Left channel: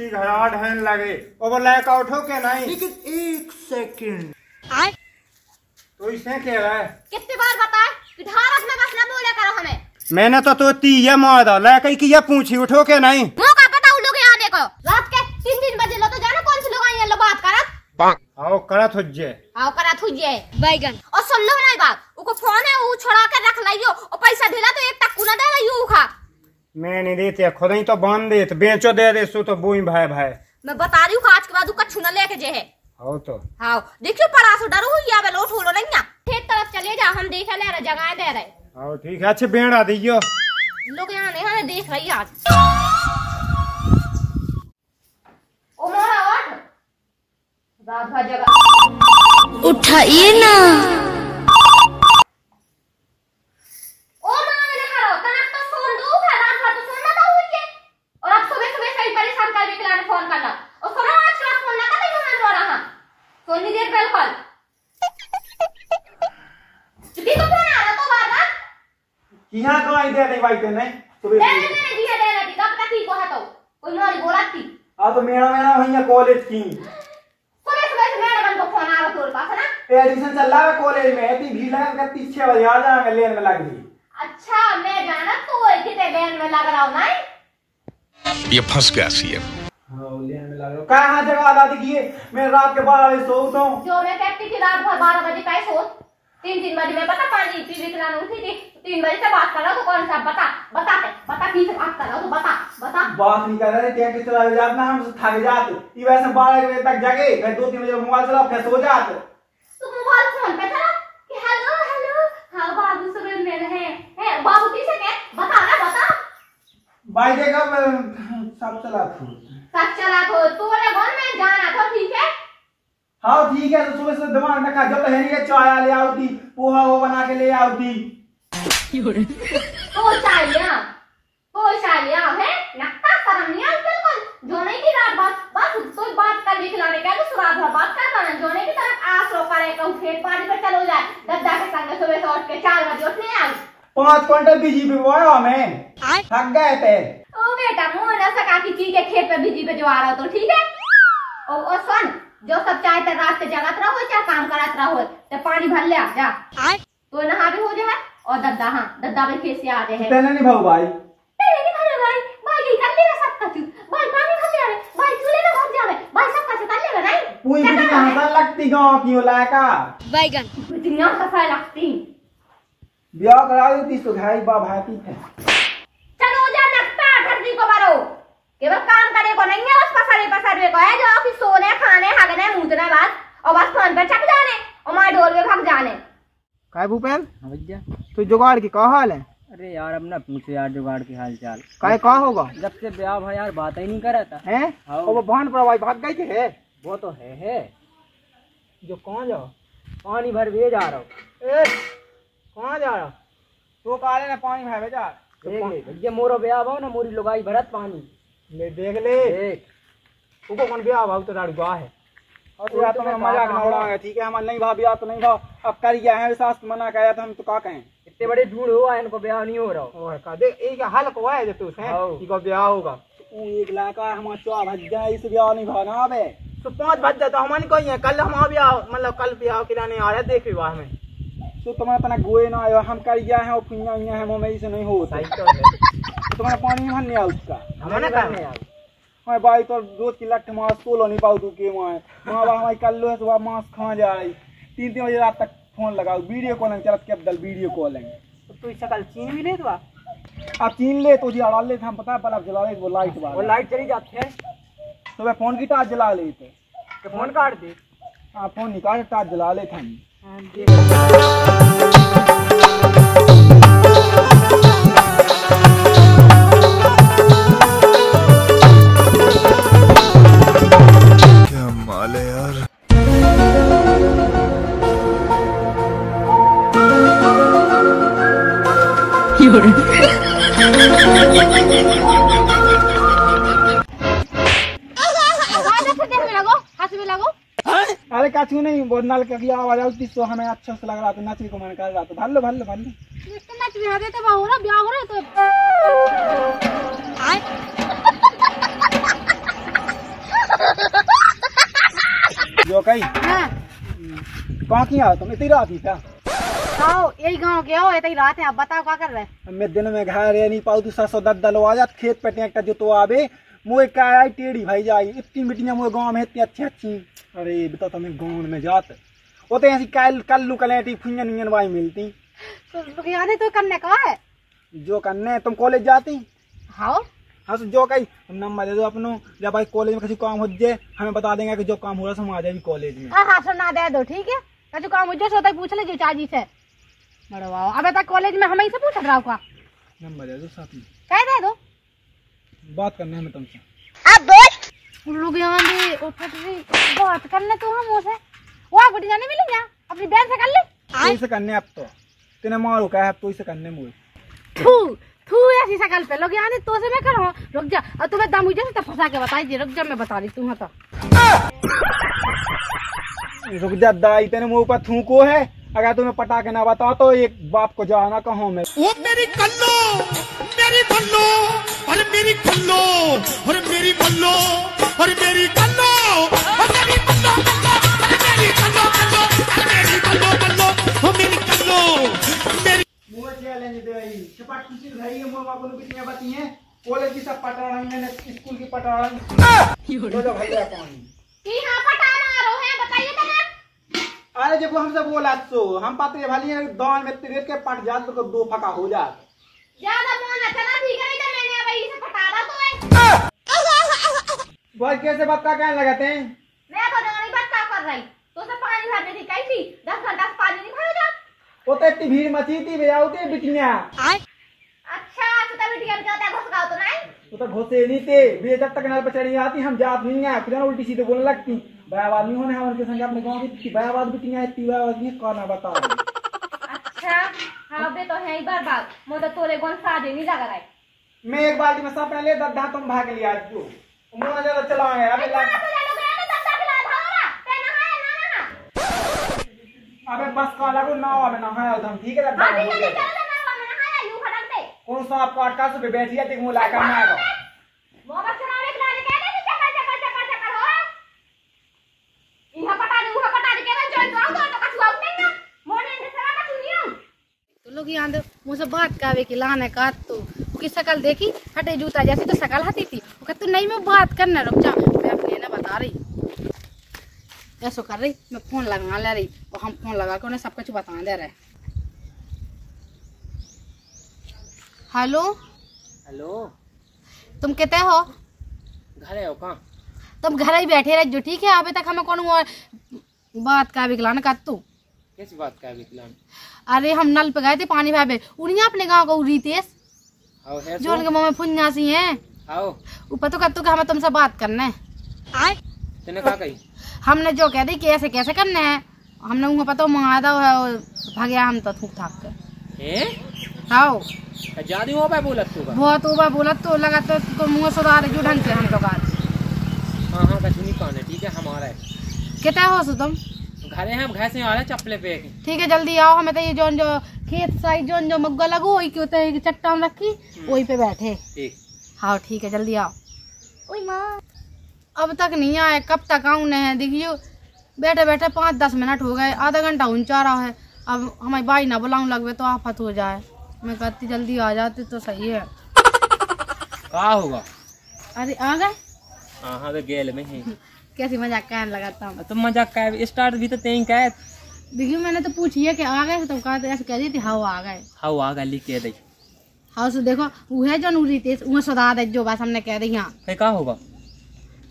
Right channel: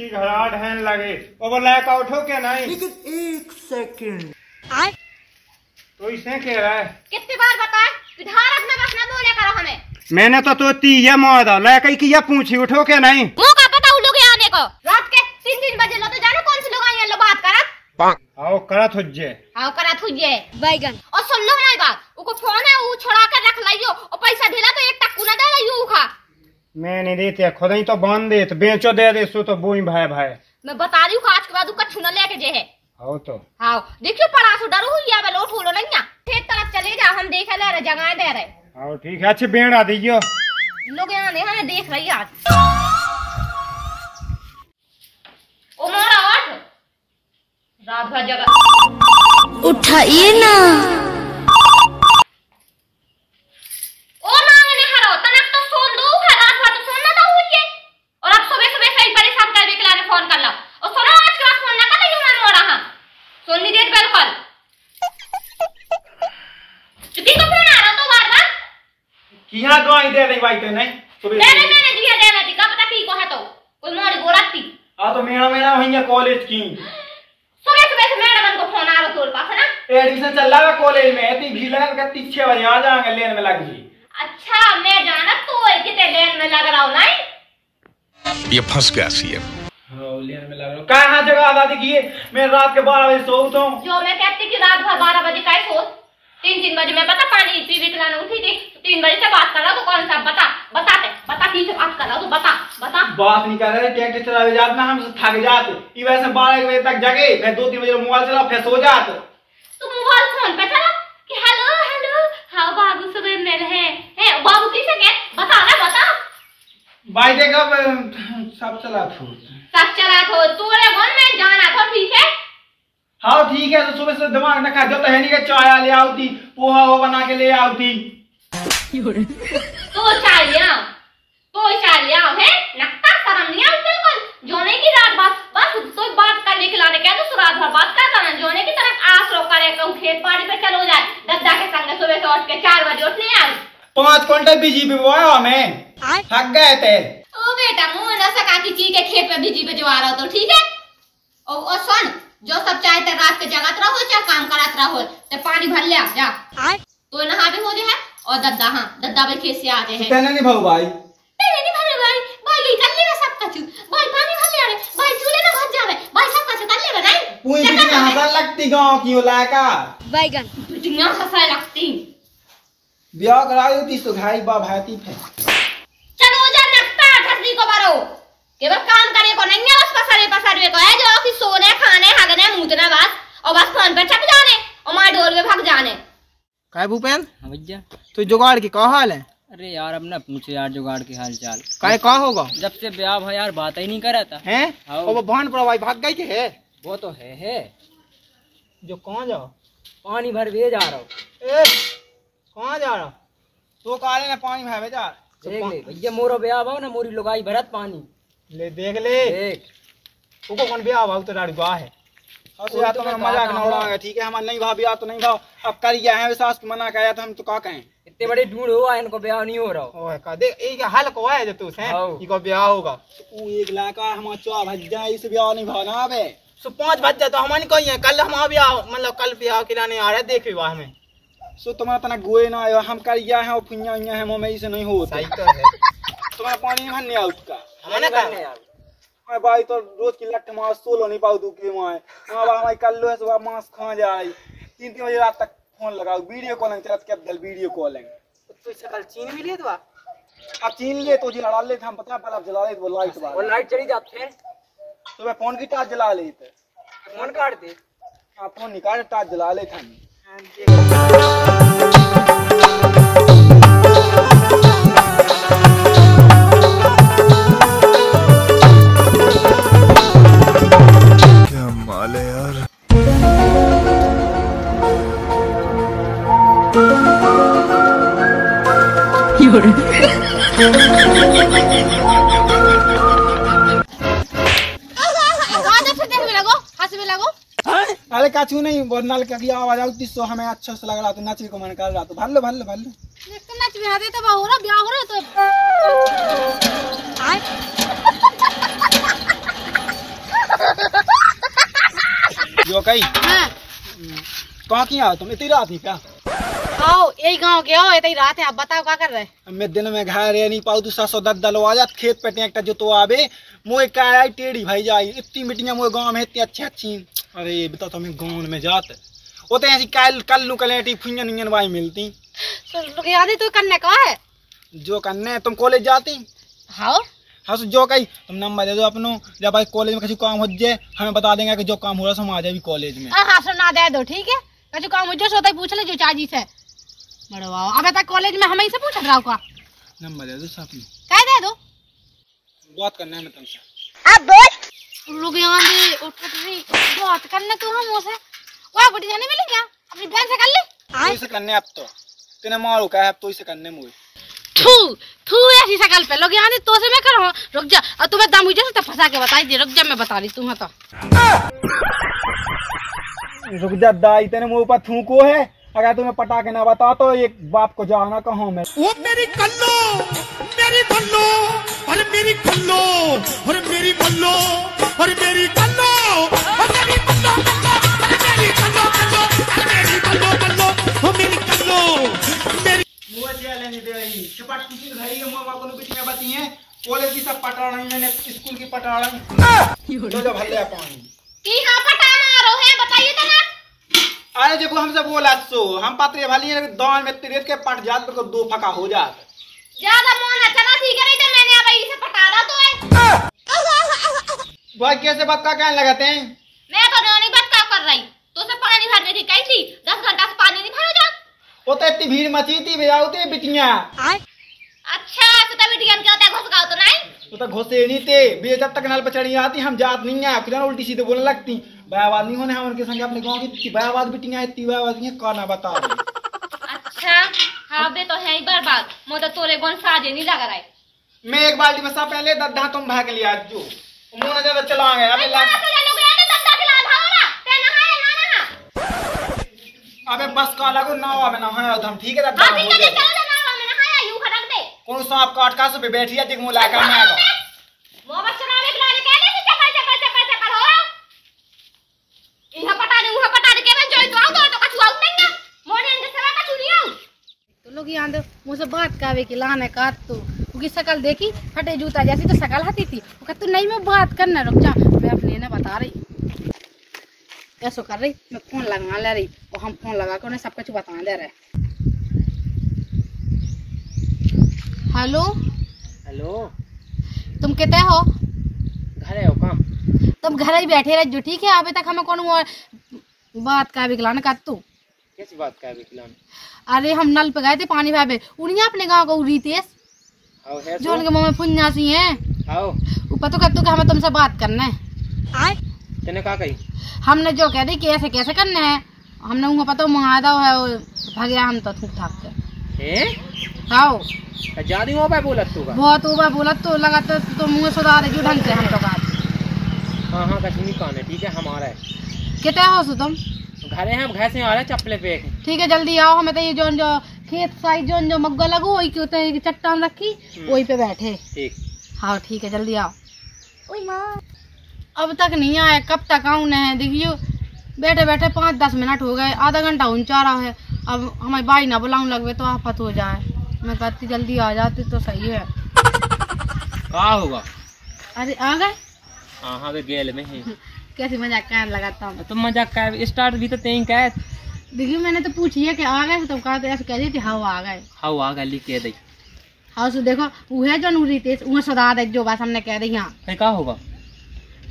इसकी घराट है लगे वो लैकआउट हो क्या नहीं। लेकिन 1 सेकंड तो इसे कह रहा है कितनी बार बताए विधायक में बस न बोले करो हमें। मैंने तो तीया मारा लैकई की ये पूछी उठो क्या नहीं। मुँह का पता उन लोग आने को रात के 3 बजे लो तो जानो कौन से लोग आए लो बात करत। आओ करत हुज्जे आओ करत हुज्जे बैगन और सुन लो हमारी बात उको फोन है वो छोड़ा कर रख लियो और पैसा दिला तो 1 टक्कू ना देगा यू खा। मैं नहीं देते खुद ही तो बांध दे बेचो दे दे सो तो बोई भाई भाई मैं बता रही हूँ आज के बाद कछु न लेके जे है। आओ तो हाँ देखियो परासो डरो हुई या बेलो ठोलो नहीं ना खेत तरफ चले जा हम देख ले रहे जगह दे रहे। आओ ठीक है अच्छे बेड़ा दीजियो लोग यहाँ नहीं हमें देख रही आज। ओ मोरा उठ रात भर जगह उठाइए ना ओ मांगने हरो तनक तो सोन दो है रात भर तो सोना तो हुई और अब सुबह सुबह से ही परेशान कर के लाने फोन कर लो और सुनो आज के बाद फोन ना कर लियो मैं मोरा हां सोनी देर बिल्कुल चुकी को फोन आ रहा तो बार बार किया तो आई दे नहीं भाई ते नहीं सुबह मैंने जिया देना थी कब तक की को है तो कोई मोरी गोरती आ तो मेरा मेरा भैया कॉलेज की सुबह सुबह से मैडम को फोन आ रहा तोर पास है ना एडमिशन चल रहा है कॉलेज में इतनी भीड़ लगा के 6 बजे आ जाएंगे लेन में लग गई। अच्छा मैं जाना तो कितने लेन में लग रहा हूं नहीं ये फंस गया सीएम। हां लेन में लग रहा हूं कहां जगह आधा दिखिए मैं रात के 12 बजे सोता हूं जो मैं कहती कि रात भर 12 बजे कैसे सो 3 बजे मैं पता पानी पी के लाने उठी थी 3 बजे से बात कर रहा तो कौन सा बता की से बात कर रहा तो बता बात नहीं कर रहे टैक्सी चलावे जात ना हम थक जाते ई वैसे 12 बजे तक जगे मैं 2-3 बजे मोबाइल चला फिर सो जाते। तू मोबाइल फोन पे चला कि हेलो हेलो हां बाबू सुबह मिल है बाबू किसे के बता ना बता भाई देखो सब चला थो तोरे मन में जाना था ठीक है। हाँ ठीक है तो सुबह से दिमाग न खा जो तो है नहीं कि चाय ले आउती पोहा वो बना के ले आउती तो चाय लिया है लगता शर्म नहीं आती बिल्कुल जोने की रात बस तो बात करने के लाने क्या तो रात भर बात करता ना जोने की तरफ आस रो करे कहूं खेत पानी पे चलो जाए दद्दा के संग सुबह से उठ के 4 बजे उठने आए 5 क्विंटल बीजीपी बोया हमें थक गए थे। ओ बेटा मुंह न सका की के खेत पे बीजीपी जो आ रहा तो ठीक है और सुन जो सब चाहे ते रात के जगत रहो चाहे काम करत रहो ते पानी भर ले जा तो नहा भी हो जाए और दद्दा भाई कैसे आ गए हैं तेने नहीं भाऊ भाई भाई कर लेगा सब कुछ भाई पानी भर ले भाई चूल्हे में भर जावे भाई सब कुछ कर लेगा नहीं पूरी बिटिया हंसा लगती गांव की हो लायका बैगन बिटिया हंसा लगती ब्याह कराई थी तो भाई बा भाती थे चलो जा नक्ता ठरदी को बारो केवल काम करे को नहीं है बस पसरे को है जो कि सोने खाने हगने मूतना बस और बस फोन पर चक जाने और मां ढोल में भाग जाने। काय भूपेन हाँ भैया तो जुगाड़ की क्या हाल है। अरे यार अब ना पूछे यार जुगाड़ के हाल चाल काय का होगा जब से ब्याह भाई यार बात ही नहीं करा था हैं और वो बहन पर भाई भाग गई के है वो तो है जो कहाँ जाओ पानी भर वे जा रहा हूँ ए कहाँ जा रहा तो काले ने पानी में भेजा देख ले भैया मोरो ब्याह भाव ना मोरी लुगाई भरत पानी ले देख ले देख तुको कौन ब्याह भाव तो राड़ी दुआ है और यार तो मजाक ना उड़ाएगा ठीक है हम नहीं भाव या तो नहीं भाव अब कर गया है विश्वास मना कराया तो हम तो का कहें इतने बड़े ढूंढ हुआ इनको ब्याह नहीं हो रहा ओए का देख एक हल को है जो तू से इको ब्याह होगा तू एक लाका हम चो भज जाए इस ब्याह नहीं भाना बे सो 5 बज जाए तो हम नहीं कोई है कल हम ब्याह मतलब कल ब्याह कराने आ रहे देख विवाह में सो तुम्हारा तना गोए ना आयो हम कर गया है और फुन्या है मम्मी से नहीं होता सही तो है तुम्हारा पानी में नहीं आउट का हमें ना करने यार हां भाई तो रोज की लठ मास सोलो नहीं पाऊ तू के मां मां बा हमारी कल लो सुबह मांस खा जाए 3 बजे रात तक फोन लगाओ वीडियो कॉलिंग चलत के बदल वीडियो कॉलिंग तो इससे कल चीन भी ले दो अब चीन ले तो जी अड़ा ले हम पता बल्ब जला ले वो लाइट बार वो लाइट चली जाती है तो मैं फोन की टार्च जला ले तो फोन काट दे हां फोन निकाल टार्च जला ले था क्या माल है यार। अरे काचू नहीं बहुत नाल के आवाज आती सो हमें अच्छा से लग रहा तो नाचने को मन कर रहा तो भल लो नच भी आते तो हो रहा ब्याह हो रहा तो कही हाँ कहाँ की आओ तुम इतनी रात ही क्या आओ यही गांव के हो इतनी रात है आप बताओ क्या कर रहे हैं। मैं दिन में घर रह नहीं पाऊ तू 710 दलो आ जात खेत पे ट्रैक्टर जो तो आवे मोए का आई टेढ़ी भाई जाई इतनी मिट्टियां मोए गांव में इतनी अच्छी अच्छी। अरे बताओ तुम्हें गांव में जात वो तो ऐसी कल्लू कलेटी फुंजन इंजन वाई मिलती तो याद है तो करने का है जो करने तुम कॉलेज जाती। हाँ हाँ तो जो कही तुम नंबर दे दो अपनो जब भाई कॉलेज में किसी काम हो जाए हमें बता देंगे कि जो काम हो रहा है हम आ जाए कॉलेज में। हाँ सुना दे दो ठीक है कछु काम मुझे सोता ही पूछ ले जो चाची से बड़ो अब तक कॉलेज में हमें से पूछ रहा हूँ का नंबर दे दो साथ में कह दे दो बात करना है मैं तुमसे। अब बोल लोग यहाँ भी उठ रही बात करने तो हम उसे वो गुटी जाने मिलेंगे अपनी बहन से कर ले तो इसे करने अब तो तेने मारो क्या है अब तो इसे करने मुझे थू थू ऐसी शकल पे लोग यहाँ तो से मैं करूँ रुक जा और तुम्हें दम मुझे तो फंसा के बताई दे रुक जा मैं बता रही तुम्हें तो रुक जा दाई तेने मुँह पर थूको है अगर तुम्हें पटा के ना बता तो एक बाप को जाना कहूँ मैं। वो मेरी कल्लो मेरी बल्लो और मेरी कल्लो और मेरी बल्लो और मेरी कल्लो और मेरी बल्लो और मेरी कल्लो कल्लो और मेरी बल्लो बल्लो और मेरी कल्लो मेरी मुँह से लेने दे रही चुपट कुछ भाई के मुँह बाप को बिटियां बती हैं कॉलेज की सब पटा रही मैंने स्कूल की पटा रही तो भले पानी कि हाँ पटा मारो है बताइए तो ना। अरे देखो हमसे बोला सो हम पत्रे भली दान में तिरेत के पट जात तो दो फका हो जात ज्यादा मोन अच्छा ना ठीक है नहीं तो मैंने अब इसे पटा दा तो है भाई कैसे बात का कहने लगाते हैं मैं तो नहीं बात का कर रही तो से पानी भरने की कही थी 10 घंटा से पानी नहीं भरा जा वो तो इतनी भीड़ मची थी भैया होते बिटियां अच्छा तो तभी टिकन क्या होता है घुस गाओ तो नहीं वो तो घुसे नहीं थे भैया जब तक नल पर चढ़ी आती हम जात नहीं है खुदा उल्टी सीधे बोलने लगती बयाबाद नहीं होने हम उनके संग अपने गांव की बयाबाद बिटियां इतनी बयाबाद नहीं कौन बता अच्छा हाँ बे तो है ही बर्बाद मुझे तो तोरे गोन साजे नहीं लगा रहा है मैं एक बाल्टी में सब पहले दद्दा तुम भाग लिया जो मुंह न ज्यादा चलाएंगे अबे लाग अबे बस का लगो ना अबे ना है हम ठीक है दद्दा हो गया कौन सा आप काट का से बैठी है देख मुला का मैं आगा वो बच्चा नाले खिलाने कहने से चक्कर हो इहा पटा दे के मैं जोई तो कछु आउट नहीं ना मोने इनके सवा कछु नहीं आउट तो लोग यहाँ दो मुझसे बात कावे की लाने का तो उसकी शकल देखी हटे जूता जैसी तो शकल हती थी वो कहती नहीं मैं बात करना रुक जा मैं अपने ना बता रही ऐसा कर रही मैं फोन लगा ले रही और हम फोन लगा के उन्हें सब कुछ बता दे रहे। हेलो हेलो तुम कहते हो घरे हो कहाँ तुम घर ही बैठे रहे जो ठीक है अभी तक हमें कौन बात का विकलान कर तू कैसी बात का विकलान अरे हम नल पे गए थे पानी भाई उन्हीं अपने गाँव को रितेश जो उनके मुँह में फुन्ना सी है ऊपर तो कहतू कि हमें तुमसे बात करना है तेने कहा कही हमने जो कह दी कैसे कैसे करने हैं हमने उनको पता मंगा दो है भाग गया हम तो थूक थाक के हाँ ज्यादा हो पाए बोला तू का बहुत ऊपर बोला तो लगा तो मुँह सुधार जो ढंग से हम तो कहा हाँ हाँ कछु नहीं कहने ठीक है हमारा है कितना हो सो तुम घरे हैं हम घर से आ रहे चप्पले पे ठीक है जल्दी आओ हमें तो ये जो खेत साइड जो मग्गा लगो वही के होते चट्टान रखी वही पे बैठे ठीक हाँ ठीक है जल्दी आओ ओए माँ अब तक नहीं आए कब तक आऊँ नहीं देखियो बैठे बैठे 5-10 मिनट हो गए आधा घंटा ऊंचा रहा है अब हमारी बाई ना बुलाऊं लगवे तो आफत हो जाए मैं कहती जल्दी आ जाती तो सही है कहाँ होगा अरे आ गए हाँ वे गेल में ही कैसे मजाक कहने लगाता हूँ तुम मजाक का स्टार्ट भी तो तेई का देखिए मैंने तो पूछी है कि आ गए तुम कहा तो ऐसे कह दी थी हाँ आ गए हाँ आ गए लिख के दई हाँ सो देखो वो है जो नूरी तेज वो सदा दे जो बात हमने कह दी यहाँ फिर कहाँ होगा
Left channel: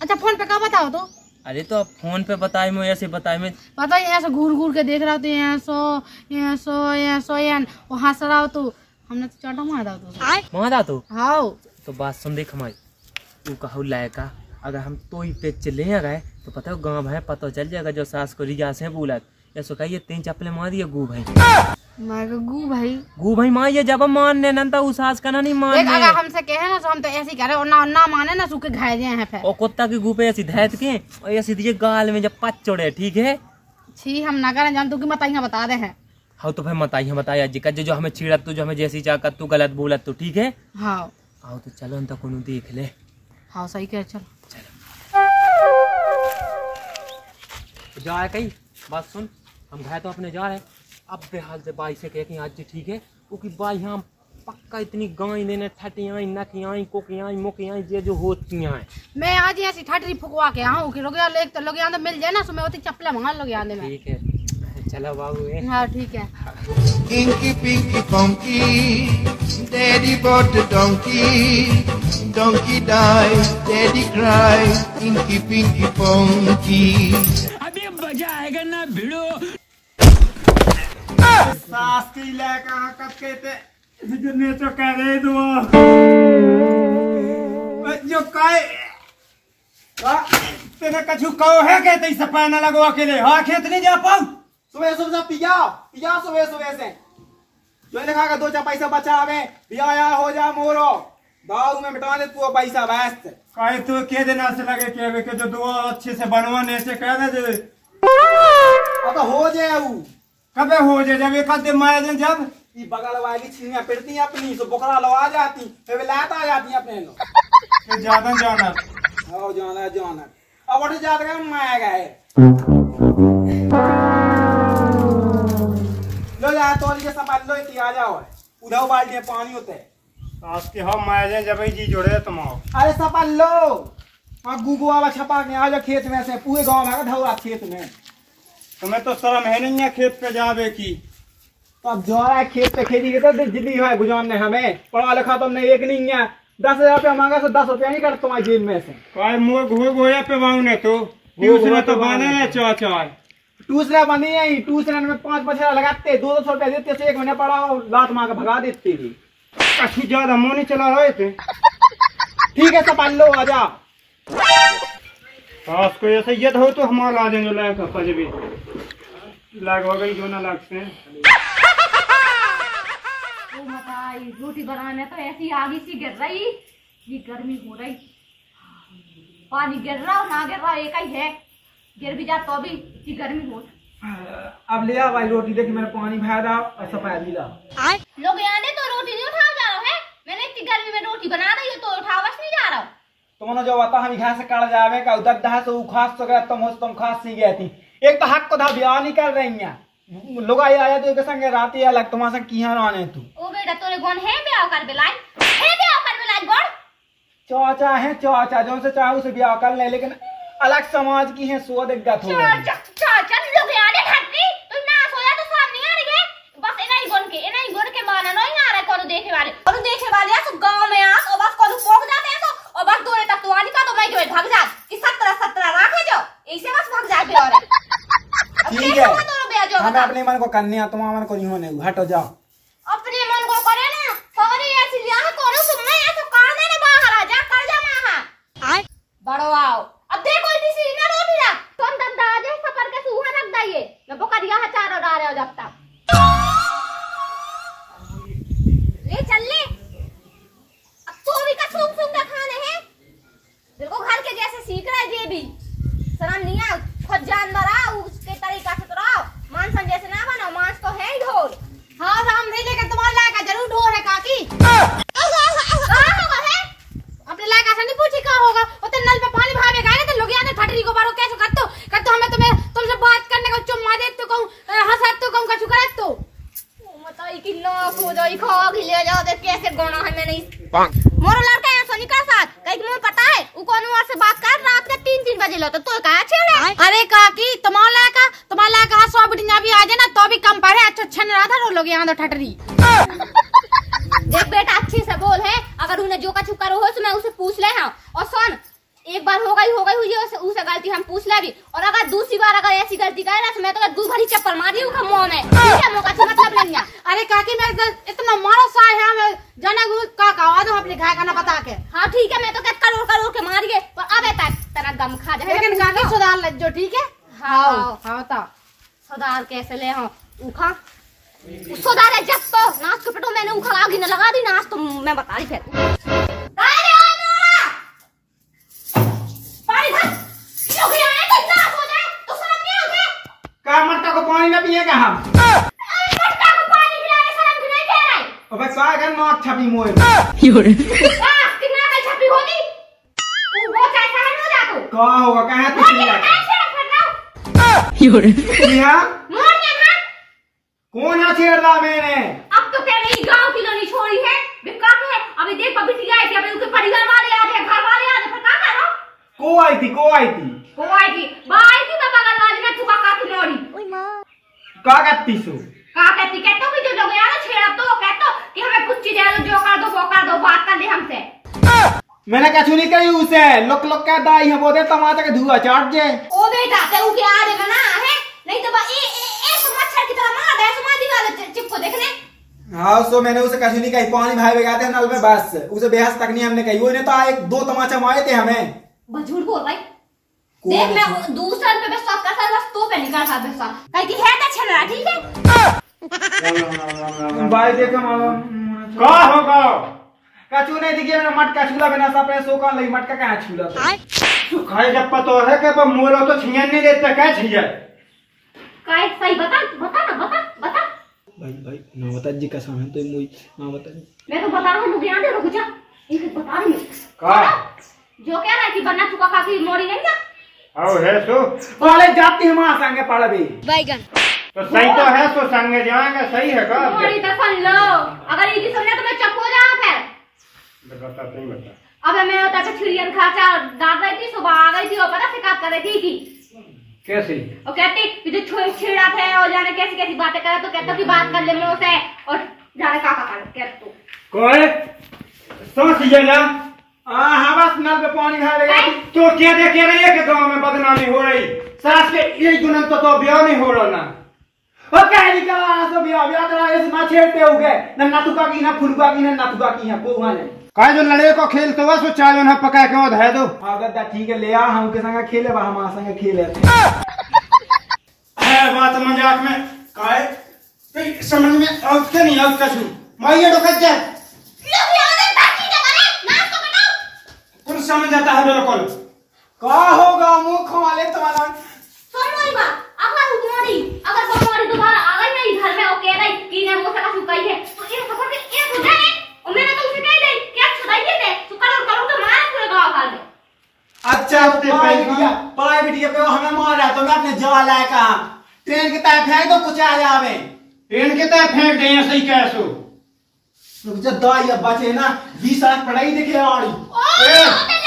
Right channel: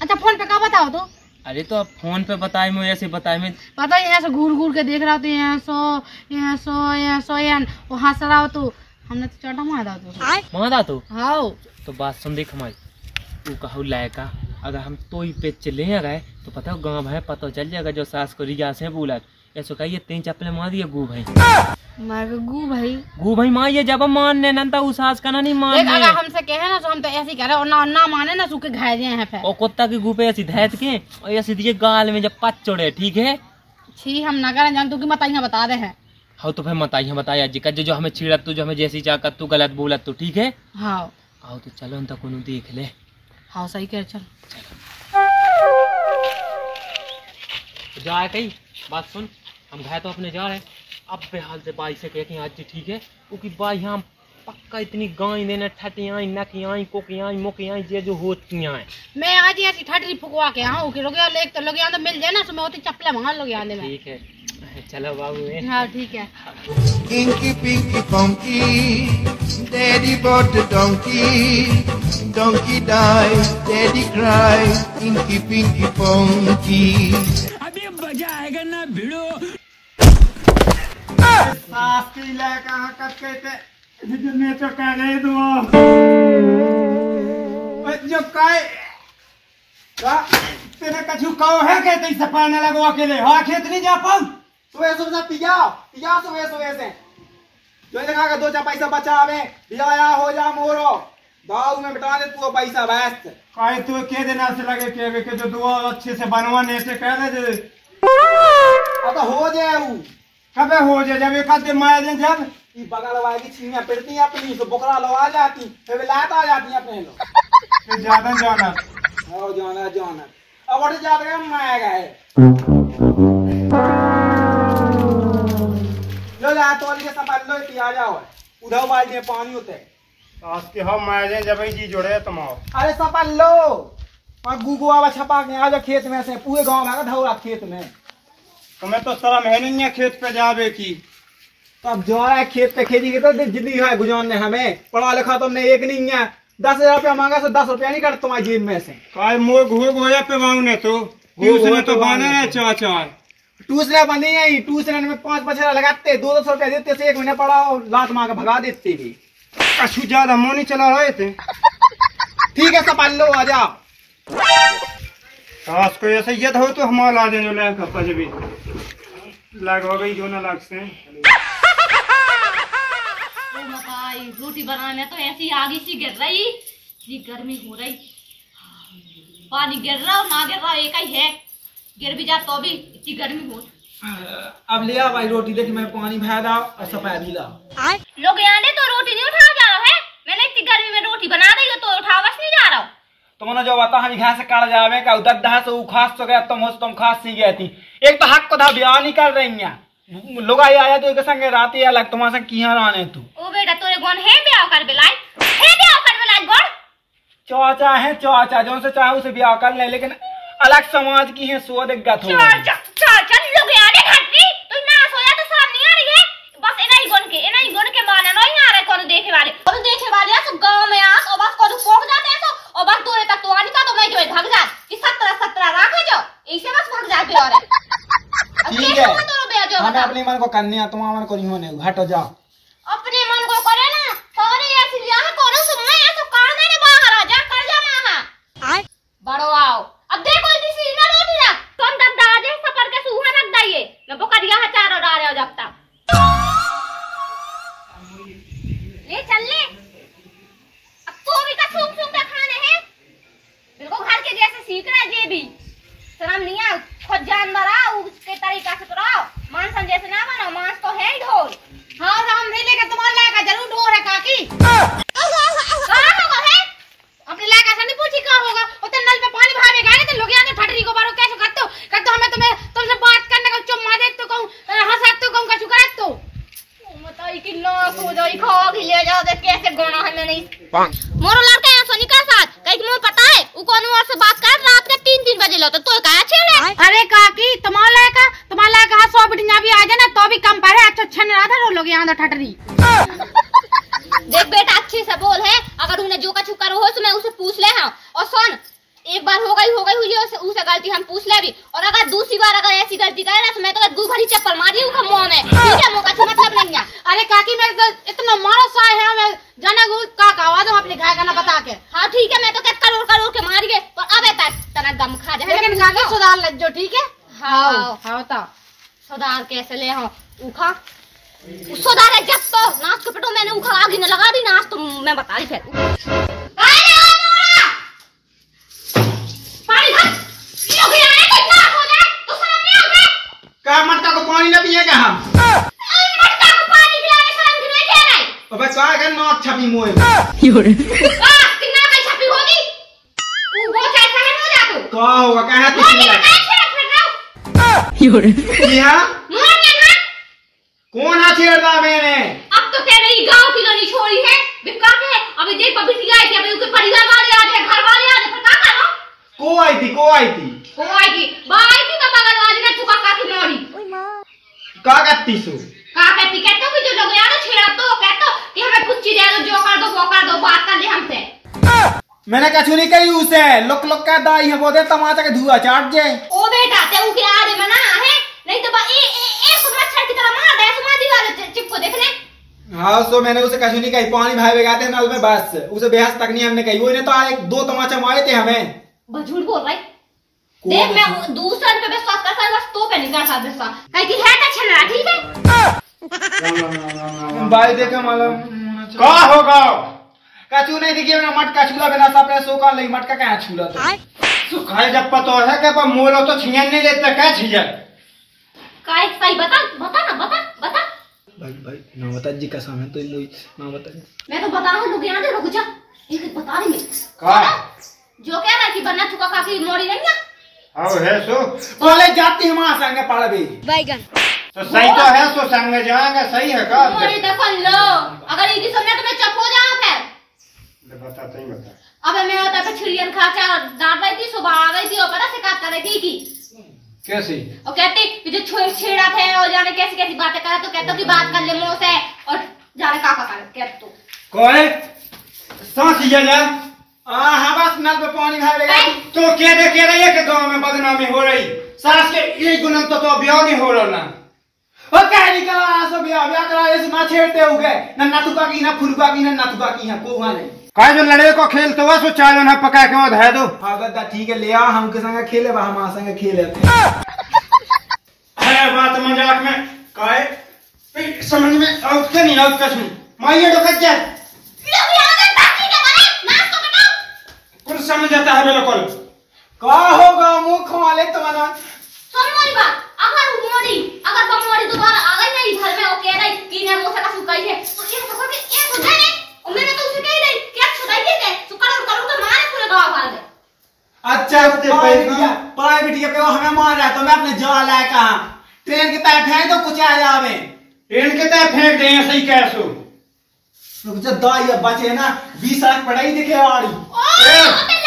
अच्छा फोन पे क्या बताओ तो अरे तो अब फोन पे बताए मैं ऐसे बताए मैं पता ही ऐसे घूर घूर के देख रहा हो तो यहाँ सो वो हंस रहा हो तो हमने तो चाटा मारा तो मारा तो हाँ तो बात सुन देख हमारी तू कहू लायका अगर हम तो ही पे चले गए तो पता है गाँव है पता चल जाएगा जो सास को रिया से बोला ऐसा कहिए 3 चप्पले मार दिए गू भाई गू भाई मार ये जब मानने नंता उस सास का ना नहीं मानने अगर हमसे कहे ना तो हम तो ऐसे ही करे और ना माने ना सूखे घाय हैं फिर और कुत्ता के गू पे ऐसी धैत के और ऐसी दिए गाल में जब पच चढ़े ठीक है छी हम ना करें जान तू की बताइए बता दे हैं हाँ तो फिर बताइए जी का जो हमें छीड़त तू जो हमें जैसी चाहत तू गलत बोलत तू ठीक है हाँ आओ तो चलो तो कोनो देख ले हाँ सही कह चल जा कहीं बात सुन, हम घर तो अपने जा रहे हैं। अब बेहाल से बाई से कह के आज ठीक है, क्योंकि बाई यहाँ पक्का इतनी गाय देने ठटियाँ नकियाँ कोकियाँ मुकियाँ ये जो होती हैं। मैं आज ऐसी ठटरी फुकवा के आऊँ कि लोग एक तो लोग यहाँ तो मिल जाए ना, तो मैं होती चप्पलें मंगा लोग यहाँ में। ठीक है चलो बाबू। हाँ ठीक है। Inky Pinky Punky, Daddy bought a donkey, donkey died, Daddy cried, Inky Pinky Punky. अभी मजा आएगा ना भिड़ो। सास की ले कहाँ कब कहते जितने तो कह रहे तुम जो काय तेने कछु कहो है कहते इसे पैना लगो अकेले हाँ खेत नहीं जा पाऊँ सुबह सुबह पिया सुबह सुबह से जो लगा का 2 पैसा बचावे बिया हो जा मोरो दाऊ में मिटा दे तू पैसा व्यस्त काहे तू के देना से लगे के जो दुआ अच्छे से बनवाने से कह दे अब हो जाए कबे हो जाए जब एक आधे मार दे जब ये बगल वाली छीनियां पिटती अपनी तो बोकरा लो आ जाती फिर लात आ जाती अपने लो ज्यादा जाना और जाना अब उठ जात गए माया गए लो जा तोल के संभाल लो इतनी आ जाओ उधर बाल्टी में पानी होते सास के हम माया जब जी जोड़े तुम अरे संभाल लो और गुगो आवा छपा के आ जा खेत में से पूरे गांव में धौरा खेत में तुम्हें तो शर्म है नहीं है खेत पे जावे की तो अब जो है खेत पे खेती की तो जिंदगी है गुजारने हमें पढ़ा लिखा तुमने एक नहीं है 10,000 रुपया मांगा तो 10 रुपया नहीं कर तुम्हारी जेब में से काय मुँह गोया पे मांगने तो ट्यूशन तो बने ना चार ट्यूशन बंदी है ट्यूशन में 5 बछड़ा लगाते 200 रुपया देते से 1 महीने पढ़ाओ लात मार के भगा देते थे कछु ज्यादा मुँह नहीं चला रहे थे ठीक है संभाल लो आ जा सास को ऐसे ये हो तो हमारा ला देंगे लायक भी लगवा गई जो ना लाग से रोटी बनाने तो ऐसी आगी सी गिर रही, ये गर्मी हो रही, पानी गिर रहा ना गिर रहा एक ही है, गिर भी जा तो भी इतनी गर्मी हो। अब ले आ भाई रोटी देख मैं पानी भर रहा और सफाई भी ला लोग यहाँ तो रोटी नहीं उठा जा रहा है, मैंने इतनी गर्मी में रोटी बना रही हो तो उठा बस नहीं जा रहा हूँ। तुमने जो बता हम घर से काट जावे का उधर दहा से खास तो गया तुम खास सी गई थी एक तो हक को था ब्याह नहीं कर रही हैं लोग आया तो एक संगे रात ही अलग तुम्हारे संग किया आने तू ओ बेटा तोरे गोन है ब्याह कर बेलाई है ब्याह कर बेलाई गोन चाचा है चाचा जो से चाहे उसे ब्याह कर ले लेकिन अलग समाज की है सो दिक्कत हो चाचा लोग आने घाटी तू ना सोया तो साहब नहीं आ रही है बस इना ही गोन के माना नहीं आ रहा कौन देखे वाले तो गांव में आ तो बस को पोक जाते हैं तो और बस दूर तक तो आनी का तो मैं जो भाग जा कि 17 राखे जो ऐसे बस भाग जा फिर और ठीक है हमें अपने मन को करने तुम्हारा मन को नहीं होने हटो जाओ अपने मन को करे ना सारे ऐसी लिया है कौन सुनना है तो कर देने बाहर आ जा कर जा मां आए बड़ो आओ अब देखो इतनी सी ना रोटी ना तुम दद्दा आ जाए सफर के सूहा रख दइए मैं बोकरिया है चारों डाल रहे हो जब तक ले चल ले अब तो भी का सूख सूख के खाने हैं बिल्कुल घर के जैसे सीख रहा है ये भी शर्म नहीं आ खुद जानवर आ उसके तरीका से तो रहो मांस जैसे ना बनो मांस तो है ही ढोल हाँ राम नहीं लेकर तुम्हारे लायका जरूर ढोर है काकी कहाँ होगा है अपने लायका से नहीं पूछी कहाँ होगा उतने नल पे पानी भावेगा नहीं तो लोग यहाँ ठटरी को बारो कैसे करते हमें तुमसे बात करने का चुम्मा दे तो कहूँ हंसा तो कहूँ कछु करे तो बताई कि लॉस हो जाई खाओ कि ले जाओ दे कैसे गोना है मैंने मोरो लड़का है सोनिका साथ कहीं मुझे पता है वो कौन और से बात कर रात के 3 बजे लो तो कहा छेड़े अरे काकी तुम्हारा लायका 100 बिटिया भी आ जाए ना तो भी कम पड़े अच्छा नहीं रहा था रो लोग यहाँ तो ठटरी देख बेटा अच्छे से बोल है अगर उन्हें जो कछु करो हो तो मैं उसे पूछ ले हाँ और सुन एक बार हो गई हुई है उसे गलती हम पूछ ले भी और अगर दूसरी बार अगर ऐसी गलती करे ना तो मैं तो दू भरी चप्पल मारी हूँ मुंह में ठीक है मुंह का मतलब नहीं है अरे काकी मैं इतना मारो सा है मैं जाना का आवाज अपने घाय का ना बता के हाँ ठीक है मैं तो क्या करोड़ के मारी गए पर अब ऐसा तना गम खा जाए लेकिन काकी सुधार लज्जो ठीक है हाँ तो सुधार कैसे ले हाँ उखा सुधार है जब तो नाच के पटो मैंने उखा आगे न लगा दी नाच तो मैं बता रही थी का मटका को पानी ना पिएगा हम मटका को पानी पिलाने शर्म की नहीं कह रहे अबे का कर नाक छपी मोए कितना का छपी होगी वो चाहे हो जा तू का होगा कहां तू जी हाँ मोड़ के ना कौन आ छेड़दा मैंने अब तो कह रही गांव की नहीं छोड़ी है बिका के अभी देख बिटिया आई थी अभी उसके परिवार वाले आ गए घर वाले आ गए फिर क्या करो को आई थी वो आई थी बाई थी तो बगल वाली ने चुका का की मोड़ी का कहती सो का कहती कहतो कि जो लोग यार छेड़ा तो कहतो कि हमें कुछ चीज दे दो जो कर दो वो कर दो बात कर ले हमसे मैंने कछु नहीं करी उसे लोक लोक का दाई है वो दे टमाटर के धुआं चाट जे ओ बेटा ते उ के आ रे मना है नहीं तो ए मच्छर की तरह मार दे समाधि वाले चिप को देखने हाँ सो मैंने उसे कछु नहीं कही पानी भाई बेगाते हैं नल में बस उसे बेहस तक नहीं हमने कही वो ने तो एक दो तमाचा मारे थे हमें बस झूठ बोल रहा है देख मैं दूसरे पे विश्वास करता है बस तो पे नहीं करता विश्वास कहीं की है तो छलरा ठीक है भाई देखो मालूम का होगा कछु नहीं देखिए मैं मटका छूला बिना सापने सोका नहीं मटका कहां छूला तू खाए जब पतो है कि पर मोलो तो छियन नहीं देता क्या छिया काय सही बता बता भाई ना बता जी कसम है तो मुई ना बता मैं तो बता रहा हूं रुक जा रुक जा एक बता रही मैं का जो कह रहा है कि बन्ना चुका का की मोड़ी नहीं है आओ है सो कॉलेज जाती हमारा संगे पढ़बे बैगन तो सही तो है सो संग में जाएंगे सही है का मोड़ी तो सुन लो अगर ये सुनने तो मैं चुप हो जाऊं फिर बता नहीं बता अब मैं होता पे छिड़ियन खर्चा डाल रही थी सुबह आ गई थी और पता शिकायत कर रही थी कि कैसी और कहती कि जो छेड़ा थे और जाने कैसी कैसी बातें करा तो कहता कि बात कर ले मुंह से और जाने का कर तू कोई सांस ये जा हां बस नल पे पानी भाई बेगा तो क्या दे के रही है कि गांव में बदनामी हो रही सास के एक गुना तो ब्याह नहीं हो रहा ना ओ कह निकला सो ब्याह करा इस ना छेड़ते हो गए ना नटुका की ना फुलका की ना नटुका की है को वाले काय जो लड़े को खेलते हुआ सो चालो ना पका के वो धै दो हां दादा ठीक है ले आ हम के संग खेले बा हम संग खेले है बात मजाक में काय समझ में आउट के नहीं आउट कसम माइए डोकत जा लोग याद है बाकी के बने नाच तो बताओ कुछ समझ आता है बिल्कुल का होगा मुंह खवाले तो वाला सुन मोरी बात अगर मोरी दोबारा आ गई नहीं घर में वो कह रही कि ने मुंह से का सुकाई है तो ये खबर के एक हो जाए और मैंने तो उसे कह रही क्या छुड़ाई दे सुकर और करूं तो मारे पूरे गांव वाले में अच्छा पाए बिटिया पे हमें मार रहा है तो मैं अपने जाल है कहां ट्रेन की तरह फेंक दो कुछ आ जावे ट्रेन के तरह फेंक दे सही कैसो रुक जा दाई अब बचे ना 20 लाख पढ़ाई दिखे वाली ओ